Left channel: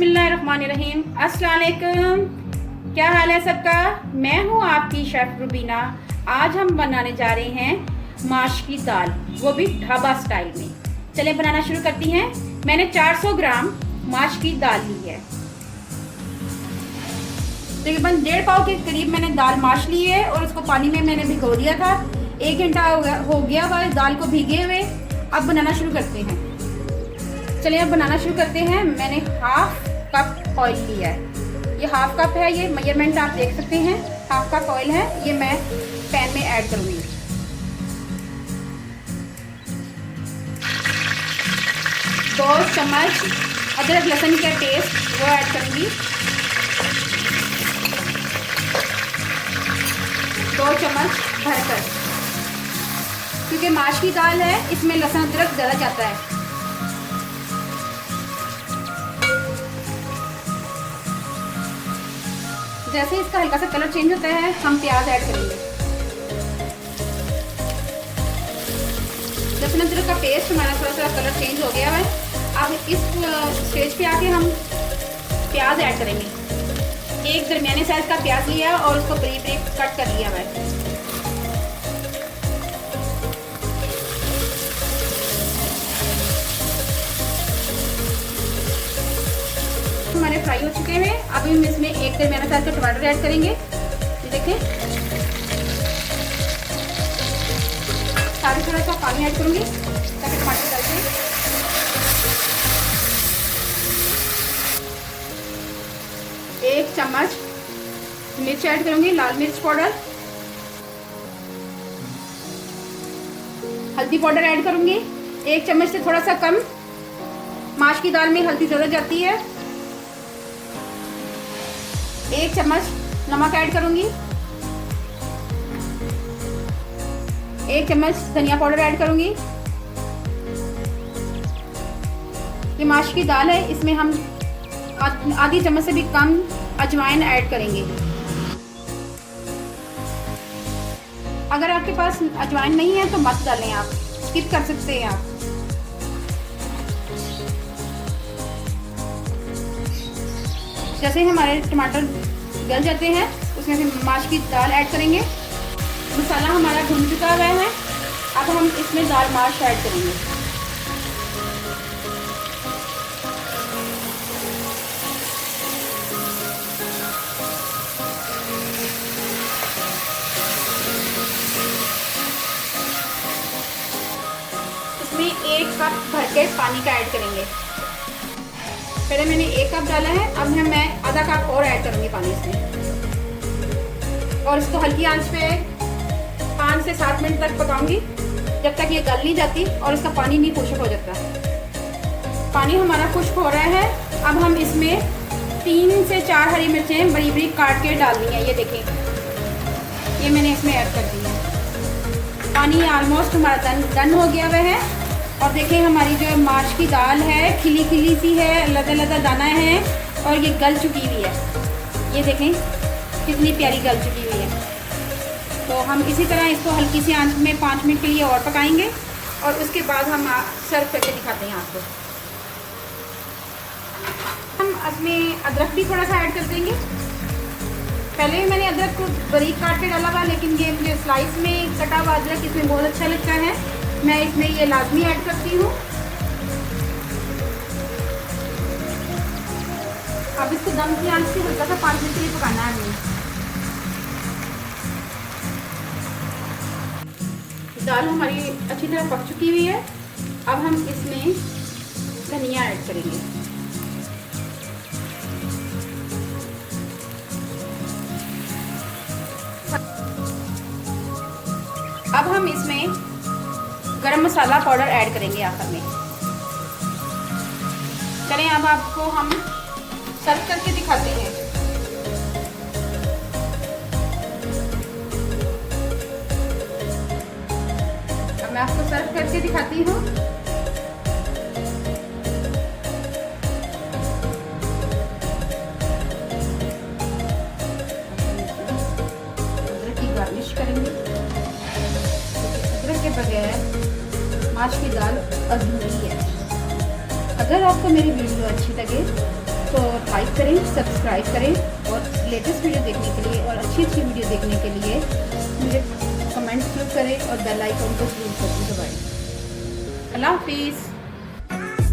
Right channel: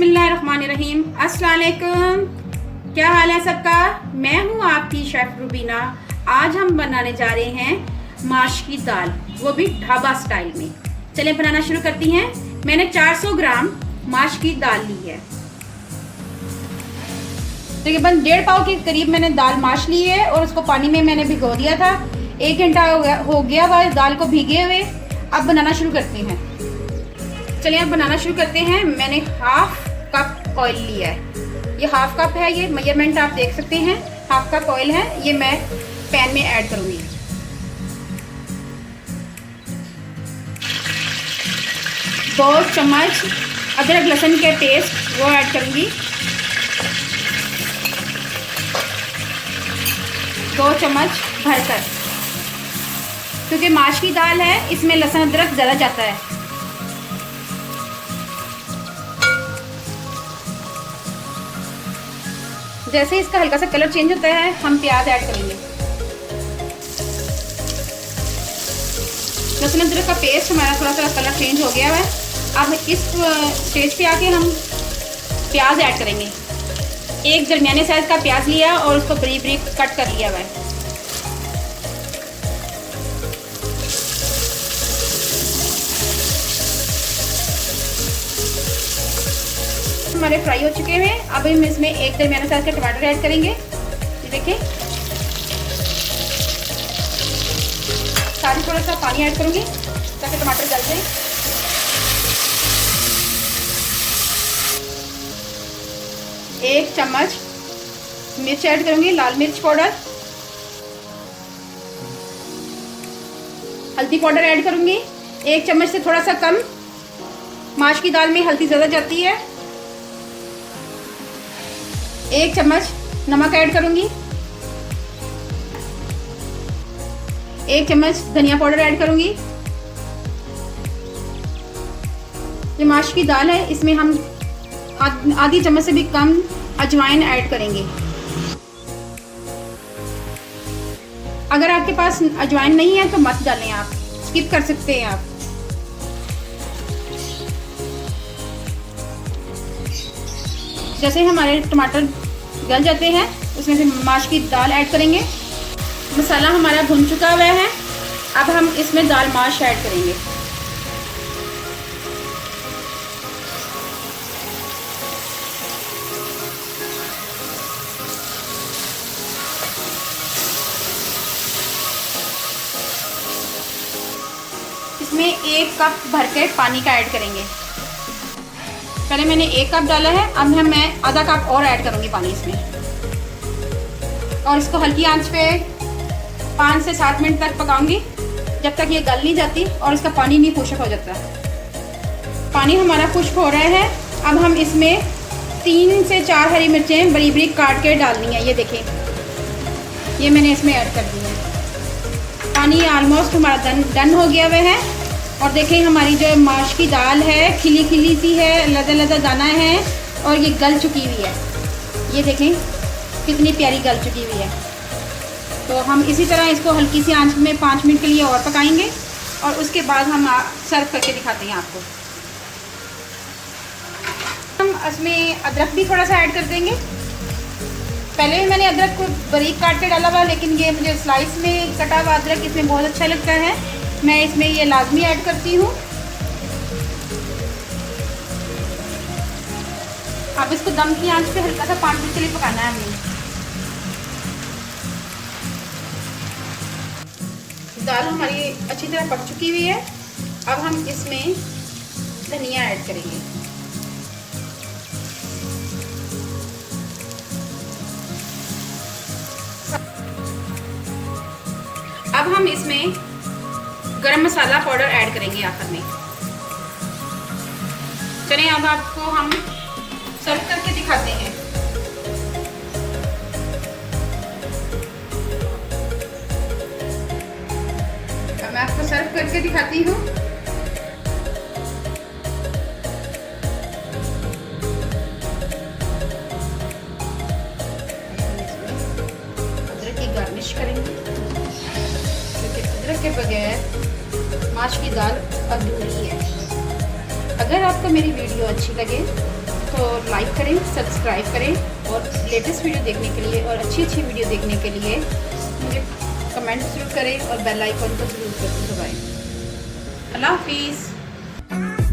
बिस्मिल्लाहिर्रहमानिर्रहीम। अस्सलाम वालेकुम। क्या हाल है सबका? मैं हूँ आपकी शेफ रुबीना। आज हम बनाने जा रहे हैं माश की दाल, वो भी ढाबा स्टाइल में। चलें बनाना शुरू करती हैं। मैंने 400 ग्राम माश की दाल ली है। तकरीबन 1.5 पाव के करीब मैंने दाल माश ली है और उसको पानी में मैंने भिगो दिया था। 1 घंटा हो गया हुआ इस दाल को भीगे हुए। अब बनाना शुरू करते हैं। चलिए अब बनाना शुरू करते हैं। मैंने 1/2 कप ऑयल लिया है। ये 1/2 कप है, ये मेजरमेंट आप देख सकते हैं। 1/2 कप ऑयल है, ये मैं पैन में ऐड करूंगी। दो चम्मच अदरक लहसुन के पेस्ट वो ऐड करूंगी। 2 चम्मच भरकर, क्योंकि माश की दाल है इसमें लहसुन अदरक ज़्यादा जाता है। जैसे इसका हल्का सा कलर चेंज होता है हम प्याज ऐड करेंगे। लहसुन अदरक का पेस्ट हमारा थोड़ा सा कलर चेंज हो गया है। अब इस स्टेज पे आके हम प्याज ऐड करेंगे। एक दरमियाने साइज का प्याज लिया और उसको बारीक बारीक कट कर लिया है। हमारे फ्राई हो चुके हैं। अब हम इसमें एक दरमियाने साइज का टमाटर ऐड करेंगे। देखें, साथ थोड़ा सा पानी ऐड करूंगी ताकि टमाटर गल जाए। एक चम्मच मिर्च ऐड करूंगी, लाल मिर्च पाउडर। हल्दी पाउडर ऐड करूंगी 1 चम्मच से थोड़ा सा कम। माश की दाल में हल्दी ज़्यादा जाती है। 1 चम्मच नमक ऐड करूंगी। 1 चम्मच धनिया पाउडर ऐड करूंगी। ये माश की दाल है, इसमें हम आधी चम्मच से भी कम अजवाइन ऐड करेंगे। अगर आपके पास अजवाइन नहीं है तो मत डालें, आप स्किप कर सकते हैं आप। जैसे हमारे टमाटर गल जाते हैं उसमें से माश की दाल ऐड करेंगे। मसाला हमारा भुन चुका हुआ है। अब हम इसमें दाल माश ऐड करेंगे। इसमें 1 कप भर के पानी का ऐड करेंगे। पहले मैंने 1 कप डाला है, अब मैं आधा कप और ऐड करूंगी पानी इसमें। और इसको हल्की आंच पे 5 से 7 मिनट तक पकाऊंगी, जब तक ये गल नहीं जाती और इसका पानी नहीं खुश्क हो जाता। पानी हमारा खुश्क हो रहा है। अब हम इसमें 3 से 4 हरी मिर्चें बड़ी बड़ी काट के डालनी है। ये देखें, ये मैंने इसमें ऐड कर दी है। पानी ऑलमोस्ट हमारा डन हो गया हुआ है। और देखें हमारी जो माश की दाल है खिली खिली सी है, लदा लदा दाना है और ये गल चुकी हुई है। ये देखें कितनी प्यारी गल चुकी हुई है। तो हम इसी तरह इसको हल्की सी आंच में 5 मिनट के लिए और पकाएंगे और उसके बाद हम सर्व करके दिखाते हैं आपको। हम इसमें अदरक भी थोड़ा सा ऐड कर देंगे। पहले भी मैंने अदरक को बारीक काट के डाला हुआ, लेकिन ये मुझे स्लाइस में कटा हुआ अदरक इसमें बहुत अच्छा लगता है। मैं इसमें ये लाजमी ऐड करती हूँ। अब इसको दम की आंच पे हल्का सा 5 मिनट के लिए पकाना है हमें। दाल हमारी अच्छी तरह पक चुकी हुई है। अब हम इसमें धनिया ऐड करेंगे। अब हम इसमें गरम मसाला पाउडर ऐड करेंगे आखिर में। चलिए अब आपको हम सर्व करके दिखाते हैं। अब मैं आपको सर्व करके दिखाती हूँ। अदरक की गार्निश करेंगे, क्योंकि अदरक के बगैर माश की दाल अधूरी है। अगर आपको मेरी वीडियो अच्छी लगे तो लाइक करें, सब्सक्राइब करें और लेटेस्ट वीडियो देखने के लिए और अच्छी अच्छी वीडियो देखने के लिए मुझे कमेंट ज़रूर करें और बेल आइकन को ज़रूर दबाएं। अल्लाह हाफिज़।